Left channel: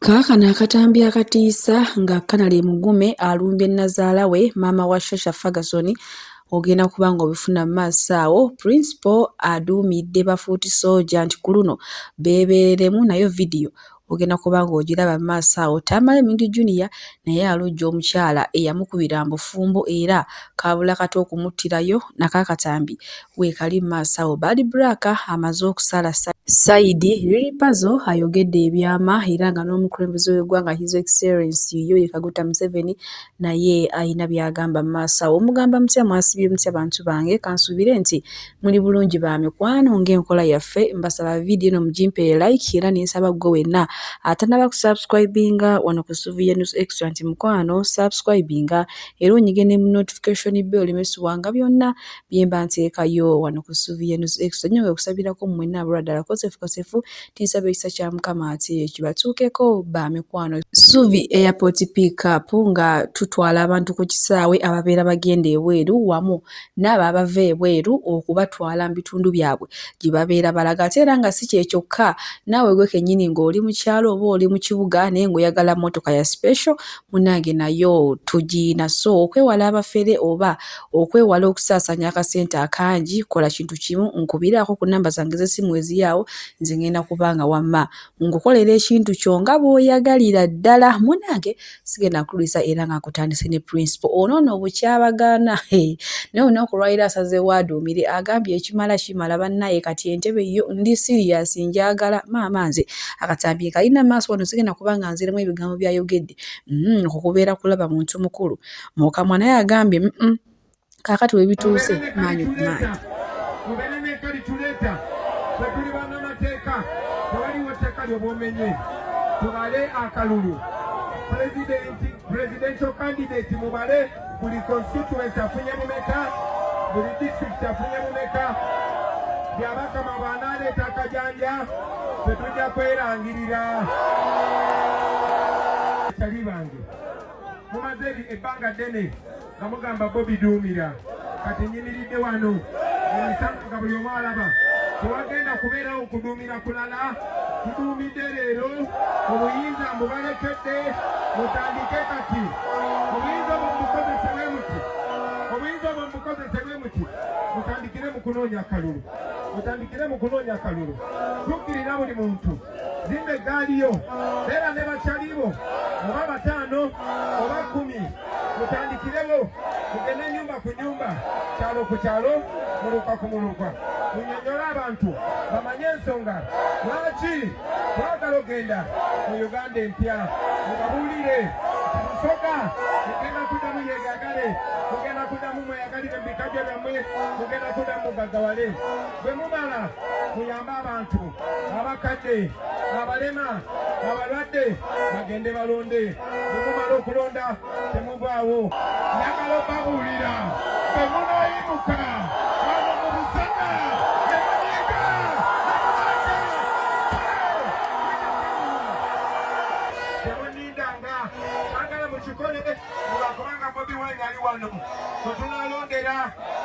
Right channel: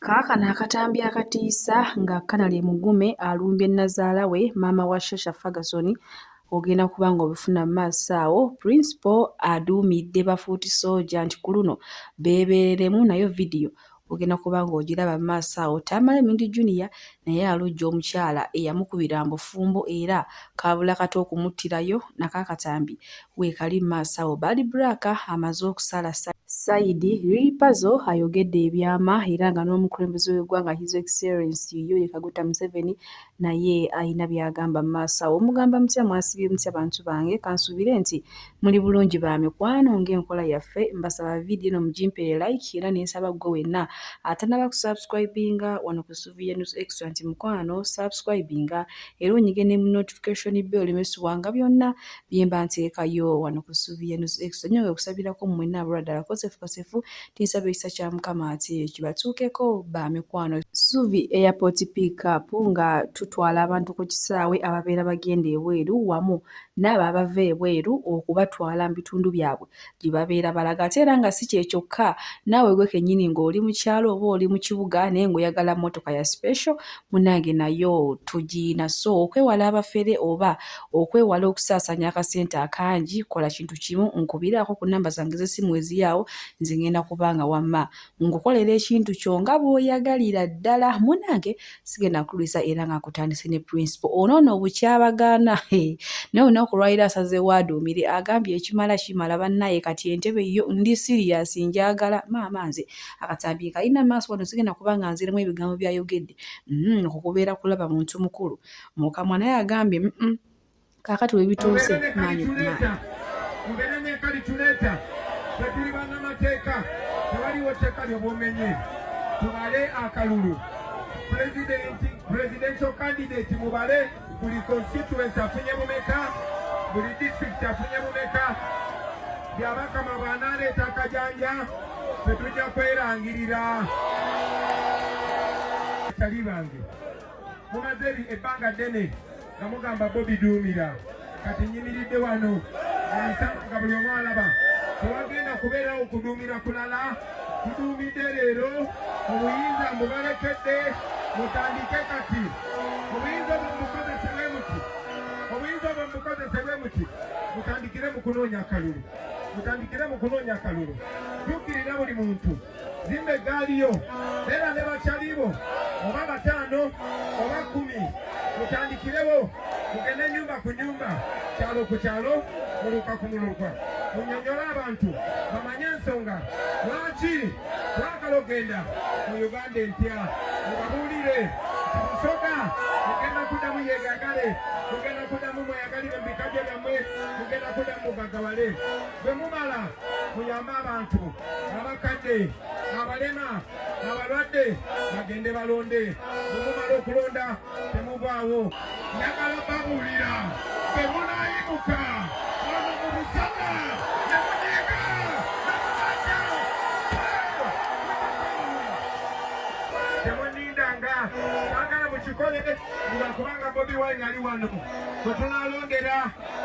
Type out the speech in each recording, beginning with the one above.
Kaakano akatambi akatiisa nga Kanali Mugume alumbye nazaala we maama wa Shasha Ferguson ogenda kuba ng'obifuna mu maaso awo. Principal aduumidde bafuuti sooja nti ku luno beebeereremu nayo vidiyo ogenda kuba ng'ogiraba mu maaso awo. Tamale Mindi Junior naye alojja omukyala eyamukubira mbufumbo era kaabula kati okumuttirayo nakaakatambi weekali mu maaso awo. Bad Black amaze okusala Saidi Lili Puzzle ayogedde ebyama era nga n'omukulembeze w'eggwanga His Excellency Yoweri Kaguta Museveni naye ayina by'agamba mu maaso awo. Omugamba mutya mwasibye mutya bantu bange, kansuubire nti muli bulungi ba mikwano ng'enkola yaffe. Mbasaba vidiyo eno mugimpe like era n'ensaba gwe wenna atanaba kusubscribinga wano ku Suviya News Extra nti mukwano subscribinga era onyige ne mu notification bell olimesibwanga byonna bye mba nteekayo wano ku Suviya News Extra. Nnyo okusabirako mwenna abulwadala kosefu tinsaba ekisa kya Mukama ati kibatuukeko ba mikwano. Suvi Airport pick up nga tutwala abantu ku kisaawe ababeera bagenda ebweru wamu n'abo abava ebweru okubatwala mu bitundu byabwe gye babeera balaga. Ate era nga si kye kyokka, naawe gwe kennyini ng'oli mu kyalo oba oli mu kibuga naye ng'oyagala mmotoka ya special munnange nayo tugiina. So okwewala abafere oba okwewala okusaasaanya akasente akangi, kola kintu kimu, nkubiraako ku nnamba zange z'essimu eziri awo, nze ngenda kubanga wamma ngukolera ekintu kyo nga bw'oyagalira ddala. Munnange sigenda kulwisa era nga nkutandise ne Principal onoono obukyabagaana naye olunaku lwaliro asazeewo aduumire agambye ekimala kimala bannaye kati entebe yo ndi serious njagala maama nze akatambi kalina maaso wano sigenda kubanga nziremu ebigambo byayogedde okukubeera kulaba muntu mukulu mu kamwa naye agambye kaakati we bituuse maanyi ku maanyi. Mubeere n'enkali tuleeta bwe tuli bannamateeka tewaliwo tteeka ly'obwomenye tubale akalulu presidential candidate mubale buli constituency afunye mumeka buli district afunye mumeka byabakama bw'anaaleeta akajanja tetujja kwerangirira tali bange mumaze ebbanga ddene nga mugamba Bobi Duumira kati nyimiridde wano emisana nga buli omu alaba tewagenda kubeerawo kuduumira kulala tuduumidde leero obuyinza mbubalekedde mutandike kati obuyinza obwo mubukozesebwe muti mutandikire mu kunoonya akalulu tukkirira buli muntu zimba eggaali yo beera ne bakyalibo oba 5 oba 10 mutandikirewo mugende nnyumba ku nnyumba kyalo ku kyalo muluka ku muluka munyonyole abantu bamanye ensonga lwaki twagala ogenda mu Uganda empya mubabuulire musoka mugenda kuddamu yeegagale mugenda kuddamu mweyagalire mu bikajjo byammwe mugenda kuddamu mugaggawale bwe mumala muyambe abantu abakadde abalema abalwadde bagende balonde bwe mumala okulonda temuvaawo njagala obabuulira bwe munaayimuka wano mu busana ne munyiga temunindanga twagala mukikole lwakubanga Bobi Wine ali wano bwe tunaalondera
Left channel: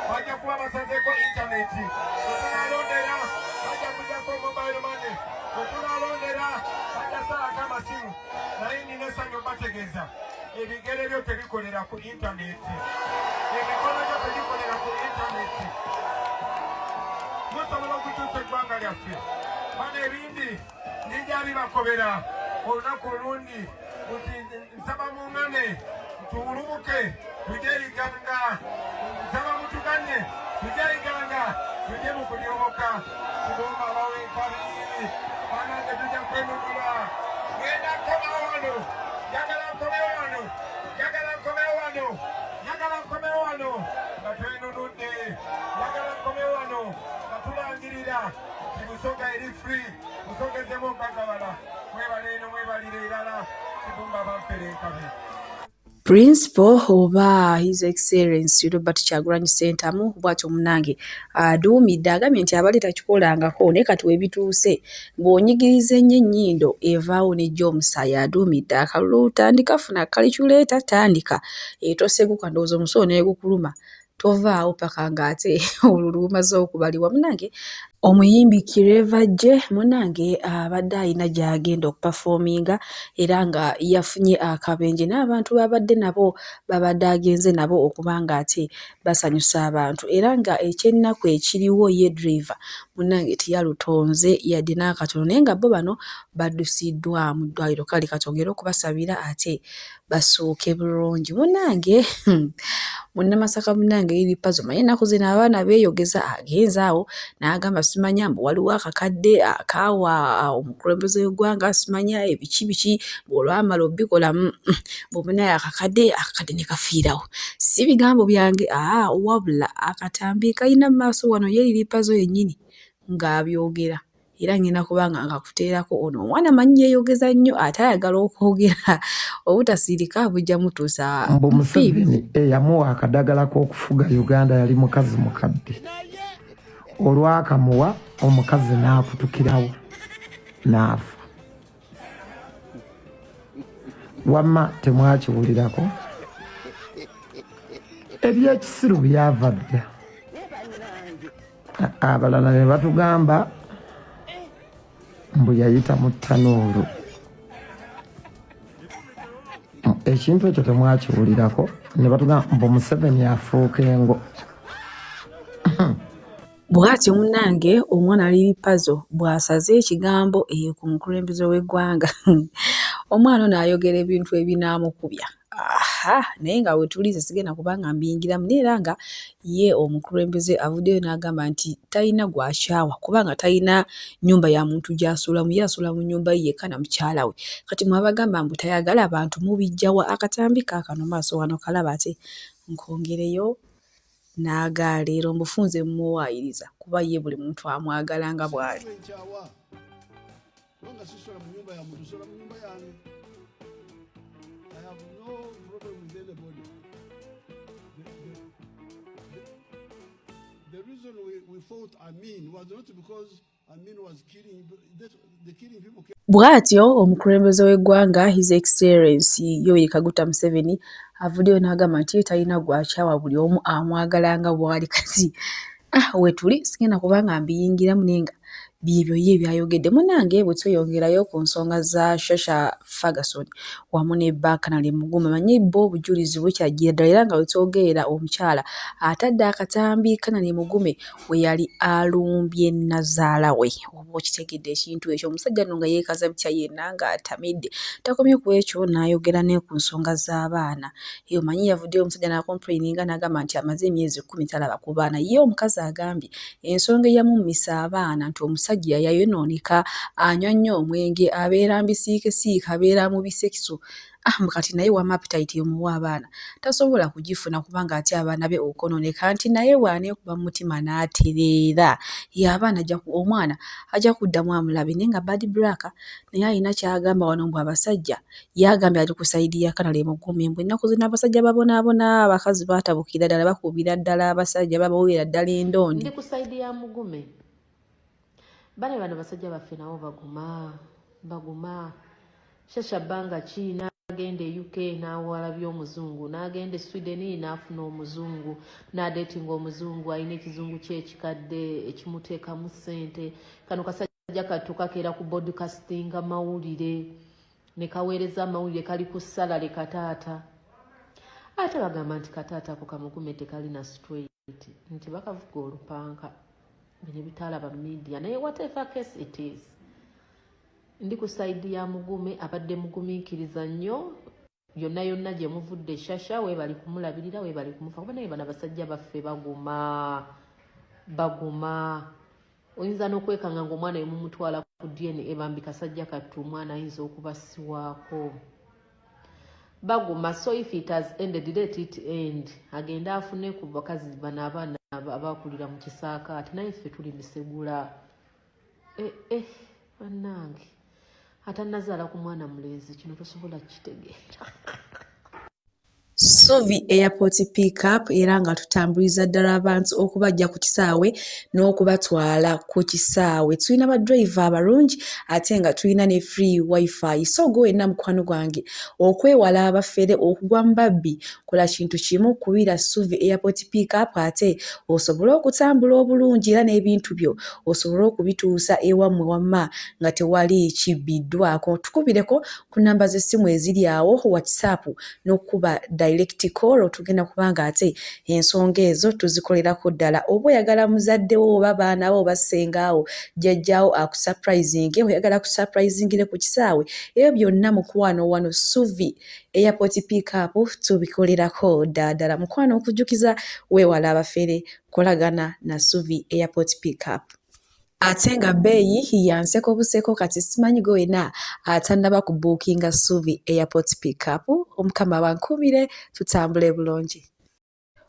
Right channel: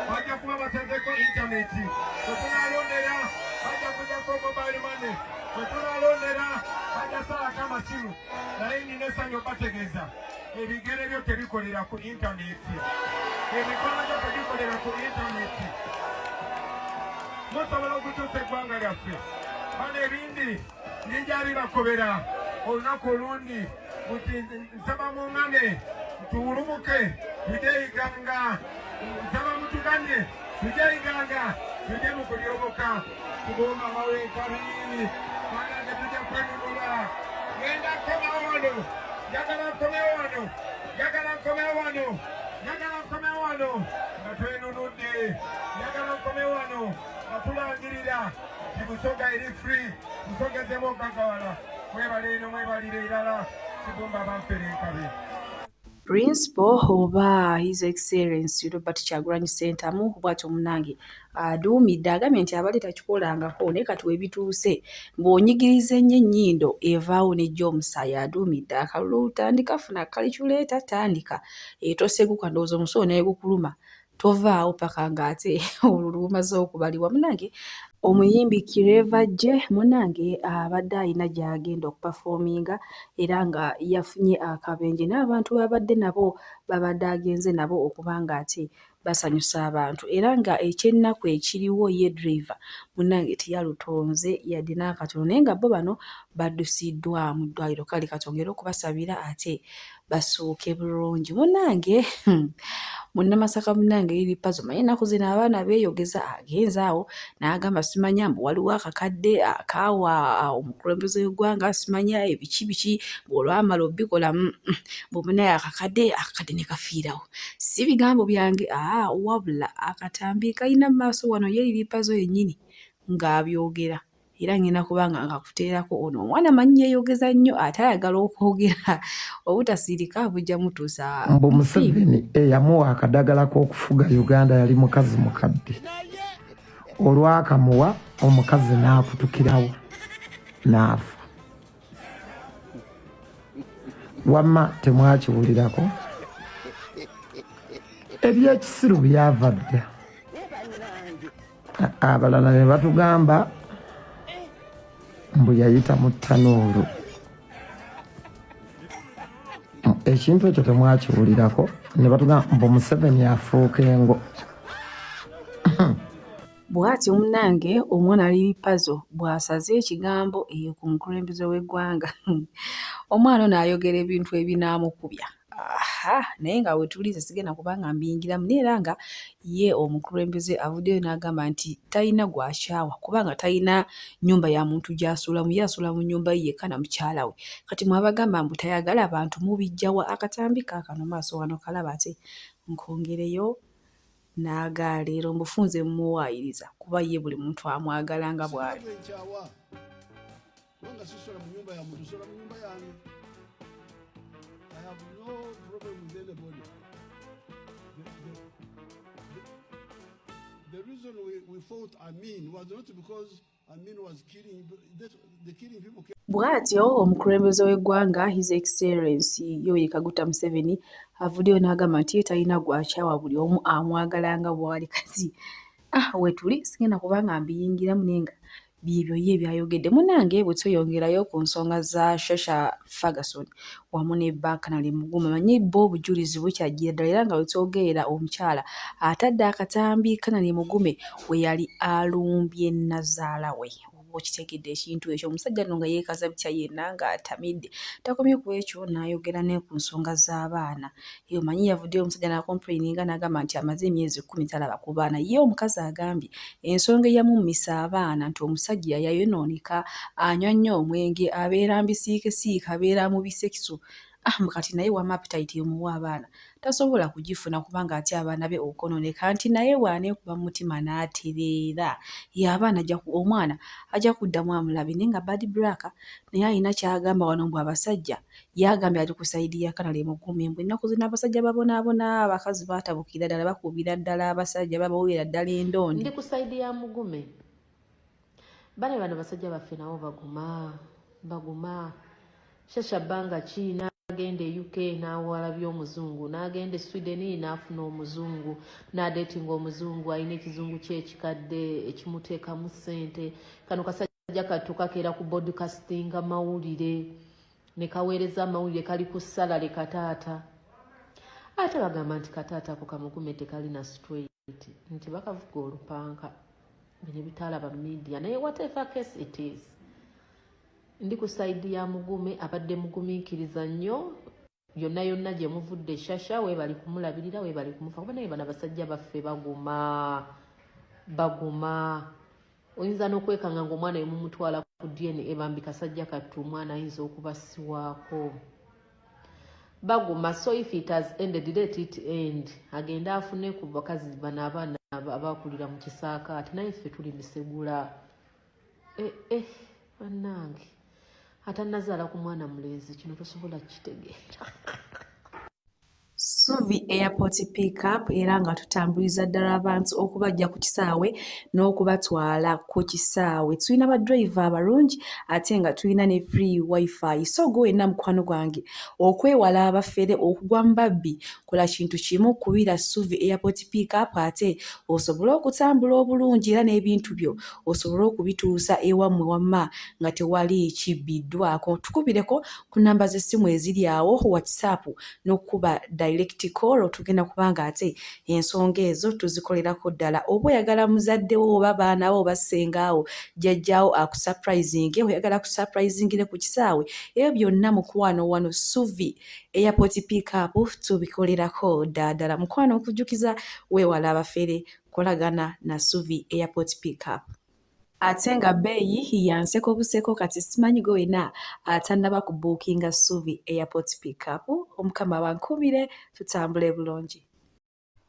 bajja kuba basazeeko intaneti bwe tunaalondera bajja kujjako mobile money bwe tunaalondera bajja salako amasimu naye nina essanyu obategeeza ebigere byo tebikolera ku intaneti emikono gyo tebikolera ku intaneti musobola okukyusa eggwanga lyaffe bano ebindi ninja bibakobera olunaku olundi nti nsaba muŋŋane tuwulumuke tujye iganga nsaba mutuganye tujye iganga tujye mu kulyoboka tugomba baweekali banange tujja kwenunula ngenda nkomewo wano njagala nkomewo wano nga twenunudde njagala nkomewo wano nga tulangirira ti Busoga eri free busogezemu okagawala mwebale eno mwebalire erala kibumba bampere enkabe. Principal oba His Excellency Robert Kyagulanyi Ssentamu bw'atyo munnange aduumidde agambye nti abali takikolangako naye kati we bituuse ng'onyigiriza ennyo ennyindo evaawo n'ejja omusaayi. Aduumidde akalulu tandika funa kalikyuleeta tandika toseguka ndowooza omusolo ne gukuluma tovaawo paka ng'ate olwo lumaze okubalibwa munnange Omuyimbi Kireva J munange abadde alina gy'agenda okupafoominga era nga yafunye akabenje n'abantu babadde nabo babadde agenze nabo okuba nga ate basanyusa abantu era nga ekyennaku ekiriwo ye driver munange teyalutonze yadde n'akatono naye nga bo bano baddusiddwa mu ddwaliro kale katongere okubasabira ate basuuke bulungi munange Munnamasaka munange eri puzzle naye ennaku zino abaana beeyogeza agenze awo n'agamba simanya mbu waliwo akakadde akaawa omukulembeze w'eggwanga simanya ebiki ng'olwamala obbikola bw'omunaye akakadde ne kafiirawo si bigambo byange wabula akatambi kalina mu maaso wano ye eri puzzle yennyini ng'abyogera era ngenda kubanga ngakuteerako ono omwana manyi yeeyogeza nnyo ate ayagala okwogera obutasiirika bujja mutuusa mbu Museveni eyamuwa akadagala k'okufuga Uganda yali mukazi mukadde olwakamuwa omukazi n'akutukirawo n'afa wamma temwakiwulirako ebyekisiru byava dda abalala ne batugamba mbu yayita mu ttanuulu ekintu ekyo temwakiwulirako ne batugamba mbu Museveni afuuka engo bw'atyo munnange omwana aliri puzzle bw'asaze ekigambo ku mukulembeze w'eggwanga omwana ono ayogera ebintu ebinaamukubya naye nga wetulize sigenda kubanga mbiyingiramu naye era nga ye omukulembeze avuddeyo n'agamba nti talina gw'akyawa kubanga talina nnyumba ya muntu gy'asuulamu ye asuula mu nnyumba ye yekka na mukyala we kati mwabagamba mbu tayagala abantu mubijjawa akatambi kaakano maaso wano kalaba ate nkongereyo n'agaaleero mbufunze mumuwaayiriza kuba ye buli muntu amwagala nga bw'ali. The reason we fought Amin was not because Amin was killing people. Bw'atyo omukulembeze w'eggwanga His Excellency Yoweri Kaguta Museveni avuddeyo n'agamba nti talina gw'akyawa buli omu amwagala nga bw'ali kati wetuli sigenda kubanga mbiyingiramu naye nga byebyo ye byayogedde munnange bwe tweyongerayo ku nsonga za Shasha Ferguson wamu ne Kanali Mugume manyi bo obujulizi bukyajjira ddala era nga wetwogerera omukyala atadde akatambi Kanali Mugume we yali alumbye nazaala we oba okitegedde ekintu ekyo omusajja nno nga yeekaza bitya yenna ng'atamidde takomye ku ekyo n'ayogera ne ku nsonga z'abaana eyo manyi yavuddeyo omusajja n'akomplaininga n'agamba nti amaze emyezi 10 talaba ku baana ye omukazi agambye ensonga eyamummisa abaana nti omusajja yayonooneka anywa nnyo omwenge abeera mbisiikesiika abeera mu bisekiso kati naye wama appetite emuwa abaana tasobola kugifuna kubanga ate abaana be okonooneka nti naye bw'aneekuba mu mutima n'atereera ye abaana omwana ajja kuddamu amulabe naye nga Bad Black naye alina ky'agamba wano mbu abasajja yagambye ali ku sayidi ya Kanali Mugume mbu ennaku zino abasajja babonaabona abakazi baatabukira ddala bakubira ddala abasajja babawera ddala endondi. Ndi ku sayidi ya Mugume bano basajja baffe nabo baguma Shasha bbanga ki n'agenda e UK n'awala by'omuzungu n'agenda e Sweden n'afuna omuzungu n'adeetinga omuzungu alina ekizungu kye ekikadde ekimuteekamu ssente kano kasajja katukakeera ku podcastinga mawulire ne kaweereza amawulire kali ku salale kataata ate bagamba nti kataata ako Kamugume tekalina straight nti bakavuga olupanka bino bitaalaba media naye whatever case it is ndi ku sayidi ya Mugume abadde mugumiikiriza nnyo yonna gye muvudde Shasha we bali kumulabirira we bali kumufa kuba naye bano abasajja baffe baguma oyinza n'okwekanga ng'omwana yemumutwala ku DNA bambi kasajja kattu omwana ayinza okubasiwaako baguma so if it has ended let it end agenda afune ku bakazi bano abaana abakulira mu kisaaka ati naye ffe tuli misegula bannange atannazaala ku mwana mulenzi kino tosobola kitegeera Suvi Airport Pickup era nga tutambuliza ddala abantu okubajja ku kisaawe n'okubatwala ku kisaawe. Tulina badriver abalungi ate nga tulina ne free wifi. So gwe wenna mukwano gwange okwewala abafere okugwa mu babbi, kola kintu kimu, kubira Suvi Airport Pickup ate osobole okutambula obulungi era n'ebintu byo osobole okubituusa ewammwe wamma nga tewali kibbiddwako. Tukubireko ku namba z'essimu eziri awo WhatsApp n'okuba direct call, tugenda kubanga ate ensonga ezo tuzikolerako ddala. Oba oyagala muzadde wo oba baana bo oba ssengawo jjajjaawo akusurprisinge, oyagala kusurprisingire ku kisaawe, ebyo byonna mukwano wano Suvi Airport Pickup tubikolerako ddala. Mukwano okujjukiza weewala abafere, kolagana na Suvi Airport Pickup. Ate nga bbeeyi yanseko buseko, kati simanyi gwe wena atannaba kubuukinga Suvi Airport Pickup. Omukama bankubire tutambule bulungi.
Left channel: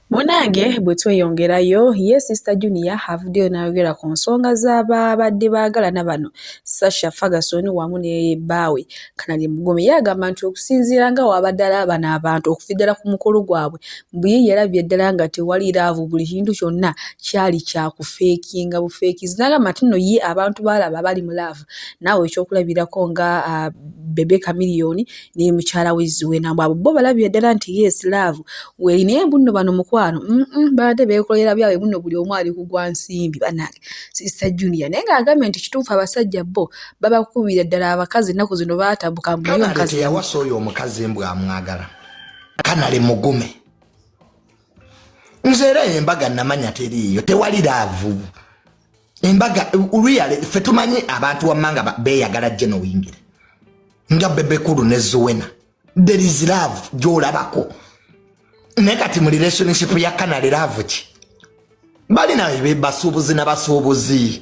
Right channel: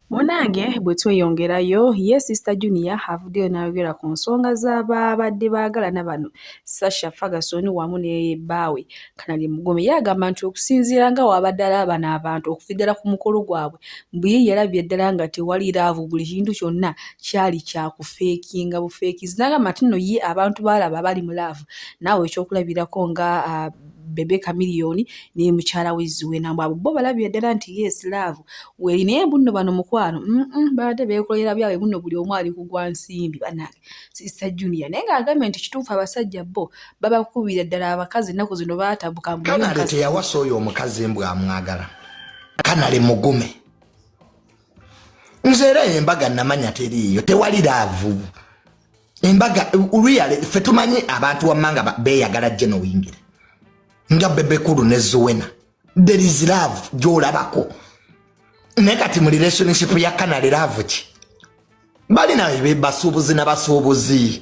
Munange bwe tweyongerayo, ye Sister Junior avuddeyo n'ayogera ku nsonga z'ababadde baagalana bano Sasha Ferguson wamu ne bbaawe Kanali Mugume. Yagamba nti okusinziira nga wabadde alabana abantu okufiddala ku mukolo gwabwe, bwe yalabye ddala nga tewali laavu, buli kintu kyonna kyali kyakufeekinga bufeekizi. N'agamba nti nno ye abantu baalaba bali mu laavu, naawe ekyokulabirako nga Bebe Chameleone ne mukyala we Zuena, abo bo balabye ddala nti yes laavu weeri, naye bunno bano mukwano badde beekolera byabwe, bunno buli omu ali kugwa nsimbi bannange. Sister Junior naye ng'agambye nti kituufu abasajja bo babakubira ddala abakazi ennaku zino baatambuka. Kanale teyawasa oyo omukazi mbw amwagala, Kanale Mugume. Nze era embaga namanya teriiyo, tewali laavu. Embaga really ffe tumanyi abantu wammanga beeyagala genuine nga Bebe Kulu ne Zuena. There is love gy'olabako. Naye kati mu relationship ya Kanale love ki? Balina basuubuzi n'abasuubuzi.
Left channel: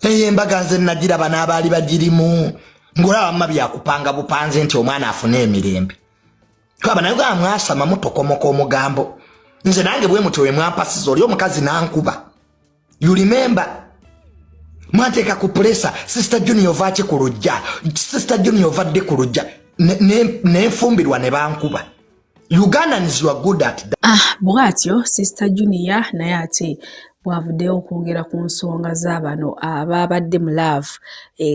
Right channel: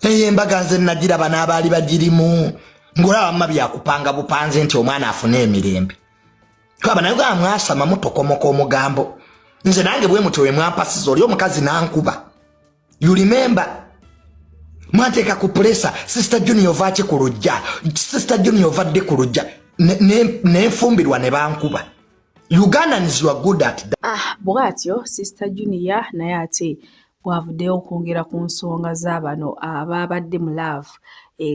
Embaga nze nagiraba n'abaali bagirimu, ng'olaba mma byakupanga bupanze nti omwana afune emirembe. Kaba naye mwasama mutokomoka omugambo. Nze nange bwe mutyo we mwampasiza oli omukazi n'ankuba. You remember? Mwateeka ku pressa Sister Junior vaaki ku lujja. Sister Junior vadde ku lujja n'enfumbirwa ne bankuba. Ugandans you are good at that. Bwatyo Sister Junior naye ate bwavuddeyo okwongera ku nsonga z'abano ababadde mu laavu,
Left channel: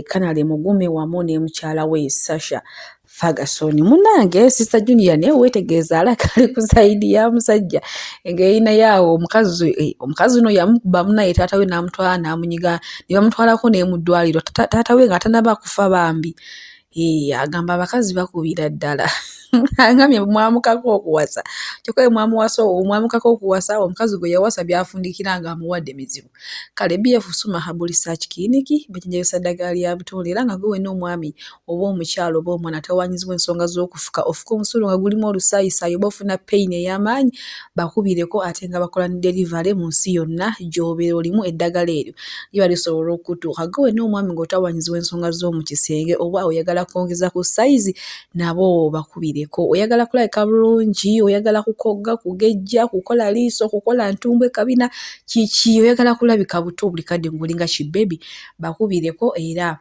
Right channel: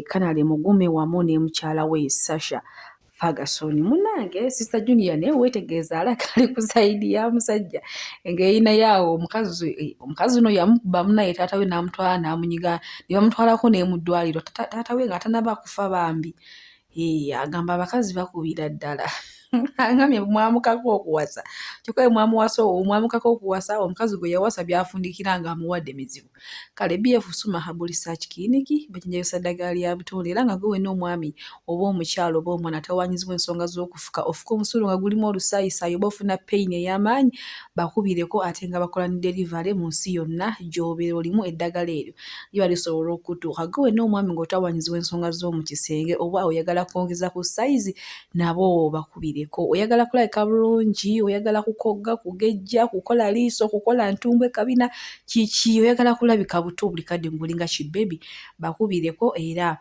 Kanale Mugume wamu ne mukyala we Sasha Ferguson. Munange Sister Junior naye weetegeeza alaka ali ku sayidi ya musajja ng'erina yaawo omukazi uno yamukuba munaye taata we n'amutwala n'amunyiga ne bamutwalako ne mu ddwaliro, taata we nga tanaba kufa bambi. Agamba abakazi bakubira ddala. Angambye mwamukako okuwasa, kyokka omwamukako okuwasa omukazi gwe yawasa byafundikira nga amuwadde mizibu. Kale BF Suma Herbal Research Clinic bajanjabisa ddagala lya butonde era nga gwe wenna omwami oba omukyalo oba omwana tawanyizibwa ensonga z'okufuka, ofuka omusulo nga gulimu olusaayisaayi oba ofuna pain ey'amaanyi, bakubireko ate nga bakola ne delivery mu nsi yonna gy'obeera olimu eddagala eryo liba lisobola okutuuka. Gwe wenna omwami ng'otawanyizibwa ensonga z'omu kisenge oba oyagala kwongeza ku sayizi, nabo bakubire. Oyagala kulabika bulungi, oyagala kukogga, kugejja, kukola liiso, kukola ntumbwe kabina, kiki oyagala kulabika buto buli kadde ng'olinga kibebi, bakubireko era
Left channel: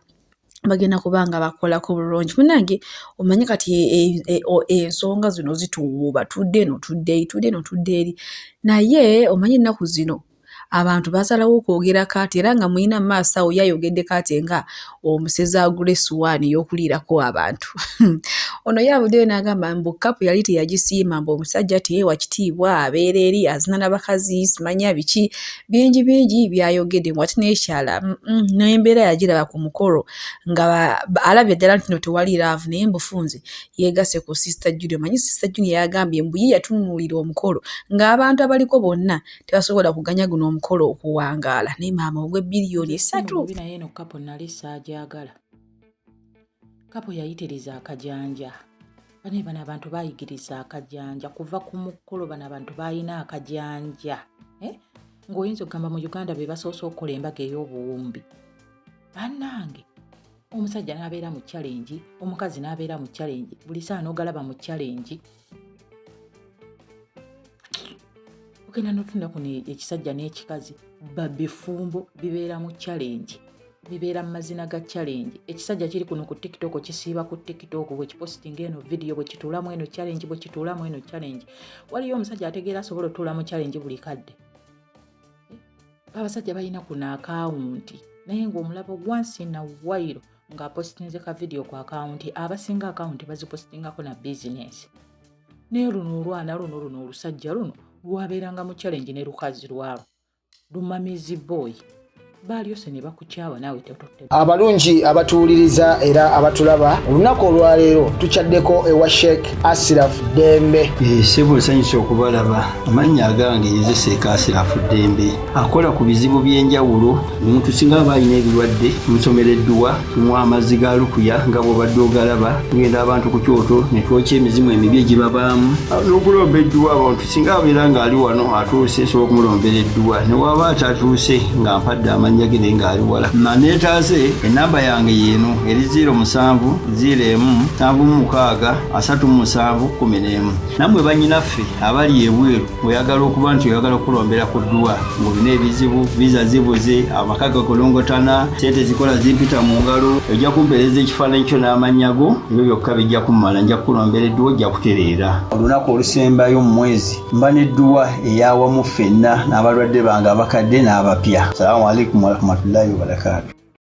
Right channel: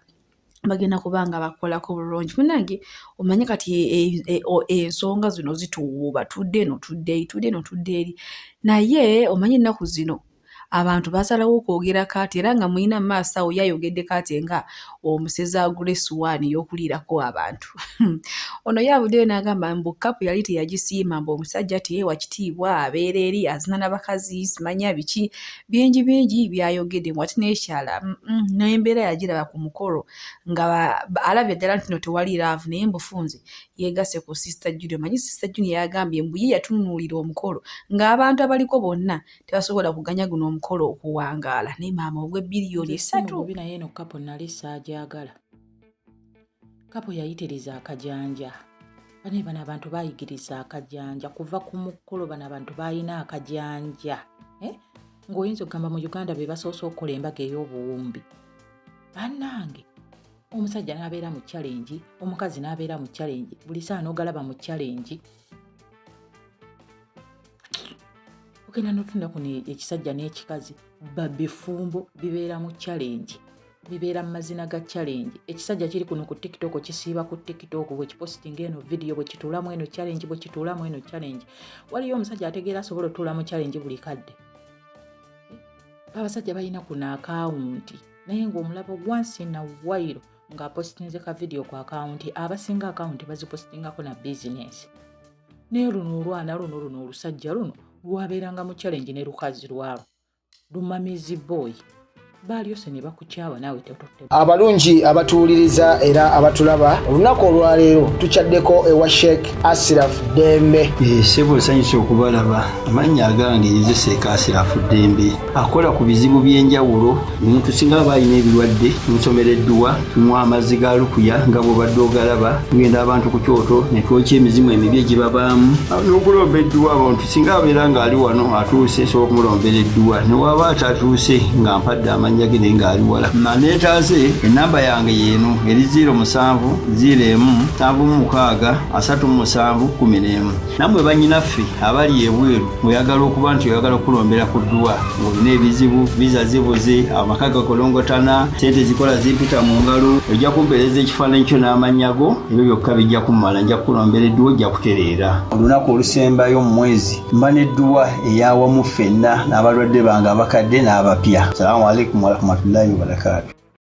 bagenda kubanga bakolako bulungi. Munange omanyi kati ensonga zino zituwuuba, tudde eno tudde eri, naye omanyi ennaku zino abantu basalawo okwogera kaati era nga mulina mu maaso awo yayogedde kaati nga omusezi agula essuwaani y'okuliirako abantu. Ono yavuddeyo n'agamba mbu kapu yali teyagisiima, mbu omusajja teyeewa kitiibwa, abeera eri azina n'abakazi simanya biki bingi byayogedde, mbu ate n'ekyala n'embeera yagiraba ku mukolo nga alabye ddala nti no tewali laavu, naye mbufunze yeegase ku Sister Junior. Manyi Sister Junior yagambye mbu ye yatunuulira omukolo ng'abantu abaliko bonna tebasobola kuganya guno omukolo okuwangaala, naye maama ogwe biliyoni 3. Naye eno kapo nali saajagala. Kapo yayitiriza akajanja. Bano abantu bayigiriza akajanja kuva ku mukolo, bano abantu bayina akajanja. Ng'oyinza okugamba mu Uganda be basoose okukola embaga ey'obuwumbi. Bannange omusajja n'abeera mu challenge, omukazi n'abeera mu challenge, buli saa n'ogalaba mu challenge. Ogenda n'otunda kuno ekisajja n'ekikazi babifumbo bibeera mu challenge. bibeera mu mazina ga challenge. Ekisajja kiri kuno ku TikTok kisiiba ku TikTok bwe kipostinga eno video bwe kituulamu eno challenge bwe kituulamu eno challenge. Waliyo omusajja ategeera asobola otuula mu challenge buli kadde. Abasajja balina kuna akawunti naye ng'omulaba once in a while ng'apostinze ka video ku akawunti, abasinga akawunti bazipostingako na business. Naye luno olwana luno olusajja luno lwabeeranga mu challenge ne lukazi lwalo lumamizi boy balyose ne bakukyawa naawe tototte. Abalungi abatuwuliriza era abatulaba olunaku olwaleero tukyaddeko ewa Sheikh Ashraf Dembe. Sebo nsanyusa okubalaba. Amannya agange nze Sheikh Ashraf Dembe akola ku bizibu by'enjawulo. Omuntu singa aba alina ebirwadde musomereddwa tunywa amazzi ga lukuya nga bw'obadde ogalaba, tugenda abantu ku kyoto ne twokya emizimu emibi egibabaamu n'okulomba edduwa. Abantu singa abeera ng'ali wano atuuse sobola okumulombera edduwa, ne waba atatuuse nga mpadde amannya ge naye ng'ali wala. Neetaase ennamba yange yeeno eri 0707363711. Nammwe bannyinaffe abali ebweru oyagala okuba nti oyagala okulombera ku dduwa ng'olina ebizibu viza zibuze amaka gakolongotana sente zikola zimpita mu ngalo, ojja kumpeereza ekifaananyi kyo n'amannya go, ebyo byokka bijja kummala, nja kukulombera edduwa ojja kutereera. Olunaku olusembayo mu mwezi mba n'edduwa ey'awamu ffenna n'abalwadde bange abakadde n'abapya. Salaamu alaikum warahmatullahi wabarakatuh.